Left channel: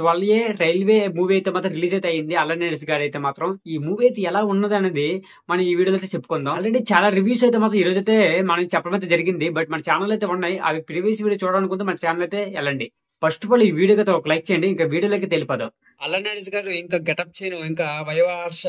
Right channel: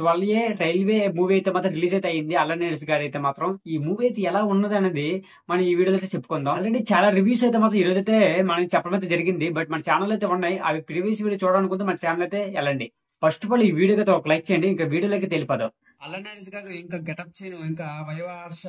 12A railway movie అయితే మాత్రం release అయితే అయింది. అల్లరి నరేష్ గారు అయితే మాత్రం ఈ మూవీ అయితే ఎలా ఉన్నది అనేది మనం ఈ వీడియోలో అయితే చెప్పుకుందాం. ఆల్రెడీ చాలా రివ్యూస్ అయితే మాత్రం ఈ రోజు అయితే మనం చెప్పడం అయితే జరిగింది. బట్ మన ఛానల్ అయితే ఉన్నాయి. అవి ప్రీవియస్ వీడియో చూడాలనుకుంటే మన ఛానల్ అయితే వెళ్ళండి. ఫస్ట్ ఆఫ్ ఆల్ ఈ వీడియోకి అయితే ఒక లైక్ చేయండి. ఇంకా వీడియోలోకి తెలిపదాం. అల్లరి నరేష్ గారు ఇంకా గెటప్ సీన్ ఇంకా వైవ హర్ష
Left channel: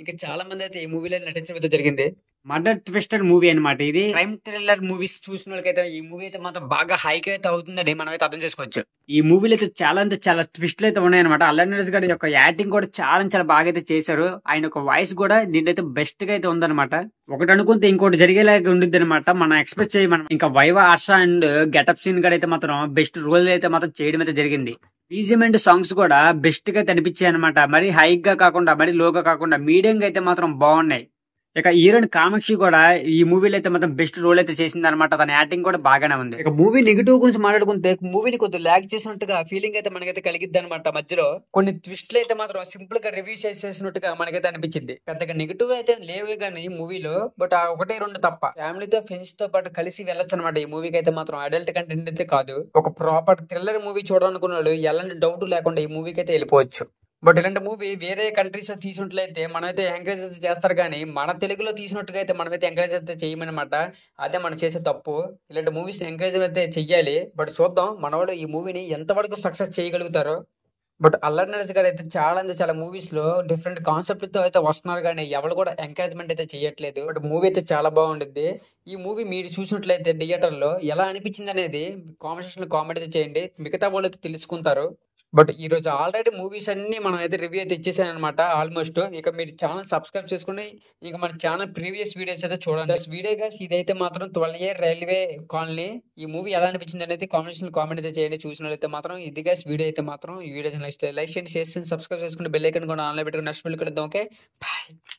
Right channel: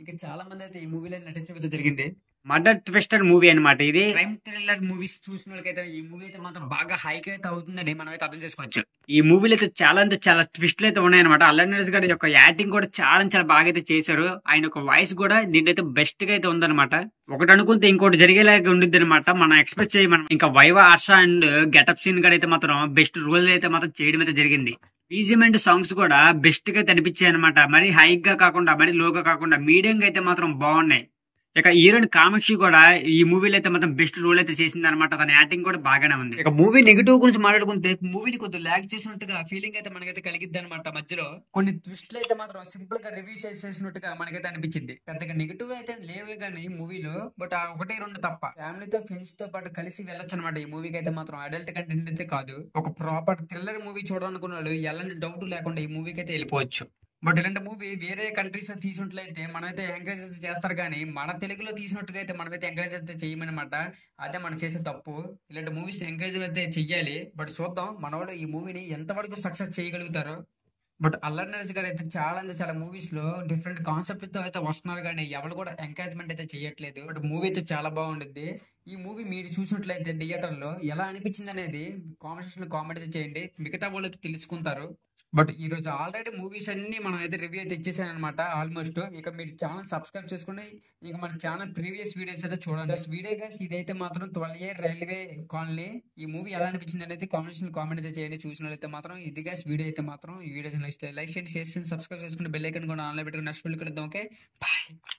ఇంకా చాలా మంది అయితే ఈ మూవీలో నటించడం అయితే జరిగింది. మర్డర్ ట్విస్టర్ మూవీ అన్నమాట. ఇది క్రైమ్ థ్రిల్లర్ మూవీస్ చూసిన వాళ్ళకైతే ఈ మూవీ అయితే మాత్రం బాగా హైక్ అయితే అవుతుందని మనం అయితే అర్థం చేసుకోవచ్చు. ఈ మూవీలో అయితే చాలా ట్విస్ట్లు అయితే ఉన్నాయన్నమాట. అల్లరి నరేష్ గారి యొక్క యాక్టింగ్ కూడా చాలా బాగా అయితే చేశారు. ఆయన యొక్క వాయిస్ కూడా దీంట్లో అయితే బెస్ట్ గా అయితే ఉందన్నమాట. ఒకటి అనుకుంటే ఇంకోటి జరిగేలాగా ఉండిద్ది అనమాట. మనం ఎక్స్పెక్ట్ చేయి మనం ఇంకా వైవ హర్ష అండ్ గెటప్ సీన్ కూడా అయితే మాత్రం బెస్ట్ రోల్ అయితే మాత్రం చేయడం అయితే జరిగింది. బీజిఎం అండ్ సాంగ్స్ కూడా బెస్ట్ గా అనిపించాయి అనమాట. మరి హైక్ గా కాకుండా మరి లోగా కాకుండా మీడియం గా అయితే మాత్రం బాగున్నాయి. ఇక హీరోయిన్ కామాక్షి కూడా ఈ మూవీలో అయితే మాత్రం బెస్ట్ రోల్ అయితే చేసింది అనమాట. తన యాక్టింగ్ కూడా బాగానే ఉంది. ఇక మూవీ నెగిటివ్ గురించి మాట్లాడుకుంటే మూవీని కొద్దిగా ల్యాగ్ చేసినట్టుగా ఫీలింగ్ అయితే మనకైతే కలిగిద్ది అనమాట. మధ్యలో కొన్ని ట్విస్ట్లు అయితే మాత్రం సింపుల్ గా రివ్యూ చేసినట్టుగా మనకైతే అనిపించింది. పెద్దగా నెగిటివ్ అయితే లేవు కానీ మూవీలో, బట్ ఆ ఒకటే రెండు తప్ప ఫ్యామిలీతో ఫ్రెండ్స్ తో పాటు కలిసి వెళ్ళొచ్చు అనమాట. ఈ మూవీకి అయితే మాత్రం అడల్ట్ కంటెంట్ అయితే కాదు. ఒక ప్రాపర్ థ్రిల్లర్ మూవీ చూడాలనుకున్న వాళ్ళు ఎలాంటి డౌట్ లేకుండా ఈ మూవీకి అయితే వెళ్ళిపోవచ్చు. బట్ ఇలాంటి మూవీ వేరే కంట్రీస్ లో తీసుకున్నట్లయితే మనమైతే ఎంకరేజ్ అయితే చేస్తారు, కానీ మన తెలుగులో తీసినట్టుగా అయితే మనమైతే ఎంకరేజ్ అయితే చేయమన్నమాట. అదే మనం చేసే తప్పు. ఇలాంటి మూవీస్ ఎంకరేజ్ అయితే చెయ్యాలి. బట్ చూద్దాం మన వాళ్ళు ఈ మూవీని ఎంతవరకు సక్సెస్ చేయగలుగుతారో. బట్ అల్లరి నరేష్ గారు అయితే చాలా మూవీస్ లో డిఫరెంట్ కాన్సెప్ట్ తో అయితే వస్తున్నారు, కానీ ఎవరు కూడా ఎంకరేజ్మెంట్ అయితే చేయట్లేదు. బట్ మూవీ అయితే చాలా బాగుండిద్ది. ఈ మూవీ మీరు చూసినట్లయితే థియేటర్ లో ఎలా అనిపించింది అనేది కామెంట్ సెక్షన్ లో కామెంట్ అయితే చేయండి. మిగతా వాళ్ళు అయితే తెలుసుకుంటారు. బట్ ఈ రోజు ఆల్రెడీ మూవీస్ అన్ని మనం అయితే రివ్యూ అయితే ఇచ్చేసాను అనమాట ఆల్మోస్ట్. ఇక మీరు ఛానల్ సబ్స్క్రైబ్ చేసుకుని ఇక మన ఛానల్ ప్రీవియస్ వీడియోస్ అయితే చూడండి. వీడియో గైస్ ఇదైతే మాత్రం 12A రైల్వే కాలనీ ఈ మూవీ ఎలా అనిపించింది అనేది కామెంట్ అయితే చేయండి. చూసిన అయితే మాత్రం ఇది గైస్ వీడియో అయితే మాత్రం ఈ వీడియో లైక్ చేయండి, షేర్ చేయండి, సబ్స్క్రైబ్ చేసుకుని బెల్ ఐకాన్ కూడా ఆన్లైన్ పెట్టుకుని నెక్స్ట్ వీడియో కలుద్దాం. Okay bye.